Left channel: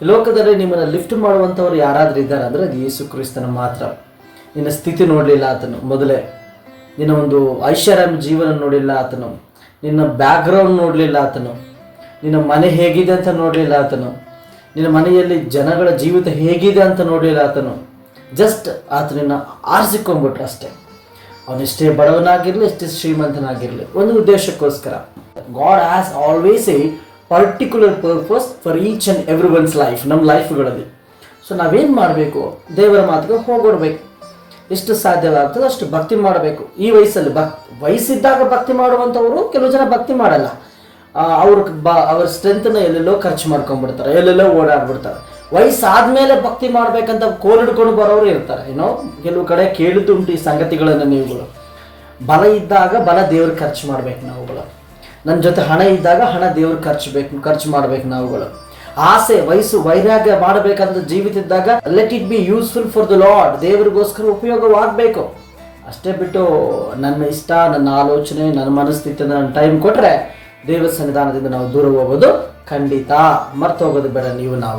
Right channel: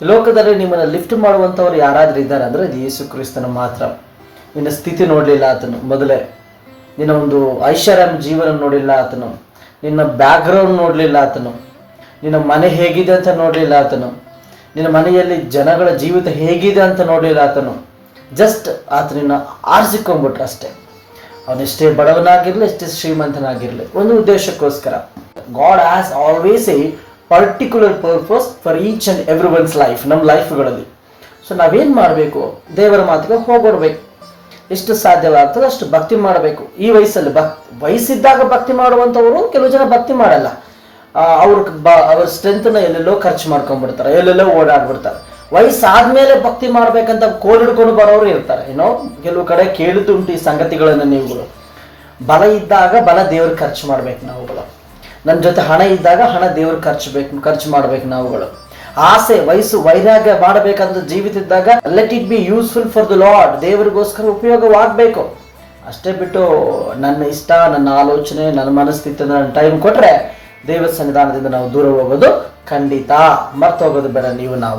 ಲೋಕದಲ್ಲಿ ನಿಮ್ಮನ್ನು ಲಿಫ್ಟ್ ಮಾಡುವಂಥವ್ರು ಯಾರಾದರೂ ಇದ್ದಾರೆ ಅಂದರೆ ಅದು ಯೇಸು ಕ್ರಿಸ್ತನ ಮಾತ್ರ. ನಿನ್ನ ಸ್ಥಿತಿ ನೋಡಲಿಲ್ಲ ಆತನು ಮೊದಲೇ, ನಿನ್ನ ಒಂದು ಐಷಾರಾಮ್ ಜೀವನ ನೋಡಲಿಲ್ಲ ಆತನು, ನಿನ್ನ ಬ್ಯಾಕ್ಗ್ರೌಂಡ್ ನೋಡಲಿಲ್ಲ ಆತನು, ನಿನ್ನ ಮನೆ ಹೇಗಿದೆ ಅಂತ ನೋಡಲಿಲ್ಲ ಆತನು, ನಿನ್ನ ಮನೆಯಲ್ಲಿ ಜನಗಳ ಜೀವಿತ ಹೇಗಿದೆ ಅಂತ ನೋಡಲಿಲ್ಲ ಆತನು. ಜಸ್ಟ್ ಆತನನ್ನು ಆರಿಸಿಕೊಂಡ್ಬಿಟ್ರು ಅಷ್ಟೇ. ಅವನೆಷ್ಟೇ ಬಡವನಾಗಿರಲಿ, ಎಷ್ಟೇ ಶ್ರೀಮಂತನಾಗಿರಲಿ, ಒಂದು ಉದ್ದೇಶಕ್ಕೋಸ್ಕರ. God has always a particular purpose for each and every one's life, ನಮ್ಮ ಲೈಫ್ಗಳಲ್ಲಿ. ಸೊ ನಾವೇನು ಮಾಡಬೇಕು? ದೇವರ ಮಾತಿಗೆ ಹೋಗೋಡ್ಬೇಕು. ಎಷ್ಟು ಸಾಧ್ಯವಾಗ್ತದೆ ಅಷ್ಟು ಭಕ್ತಿ ಮಾಡಬೇಕು. ಈ ವಯಸ್ಸಲ್ಲಿ ವಯಸ್ಸಿದ್ದಾಗ ಭಕ್ತಿ ಮಾಡುವಂಥವರು ಕೆಲವು ಜನ ಭಕ್ತಿ ಮಾಡಲ್ಲ. ಅವ್ರ ಸ್ಟ್ರೆಂತನ್ನ ಎಲ್ಲೆಲ್ಲೋ ಖರ್ಚು ಮಾಡ್ಕೊಂಡ್ಬಿಡ್ತಾರೆ, ಎಲ್ಲೆಲ್ಲೋ ಓಡಾಡ್ಬಿಡ್ತಾರೆ. ವಯಸ್ಸಾದ್ಮೇಲೆ ಭಕ್ತಿ ಮಾಡ್ಬೇಕಂತ ಕೋಲಿಡ್ಕೊಂಡು ಬರೋರು ಇರ್ತಾರೆ. ಕೆಲವು ಕಡೆ ಕೇಳುತ್ತುಂಟು ಈ ಸಂಗತಿಗಳನ್ನು ನೀವುಗಳು. ಬಲ ಇದ್ದಾಗ ಬಲ ದೇವ್ರ ಖರ್ಚು ಮಾಡ್ಬೇಕು ನಾವುಗಳು. ನನ್ನ ಜೊತೆ ಹಣ ಇದ್ದಾಗ ಹಣ ದೇವ್ರ ಖರ್ಚು ಮಾಡ್ಬೇಕು ನಾವುಗಳು. ಆಸೆ, ವಯಸ್ಸು, ವೈರಾಗ್ಯ ಮಾಡಬೇಕಂತ ಜೀವಿತ ಇದ್ದಾಗ let it be useful for the Lord, ದೇವರಿಗೋಸ್ಕರ ಉಪಯೋಗವಾಗಬೇಕು. ಅಷ್ಟೇ ಬಿಟ್ಟು ನನ್ನ ಇಷ್ಟ, ನನ್ನ ಆಲೋಚನೆ, ನನ್ನ ಮನಸ್ಥಿತಿ, ನನ್ನ ಟೈಮ್ ಕೊಟ್ಟರೆ ದೇವರ ಸನ್ನಿಧಾನದಿಂದ ನಾವು ದೂರ ಹೋಗೋದು ಖಂಡಿತ. ಮರ್ತೋಗೋದು ಬೇಡ ನೀವು ನಾವು.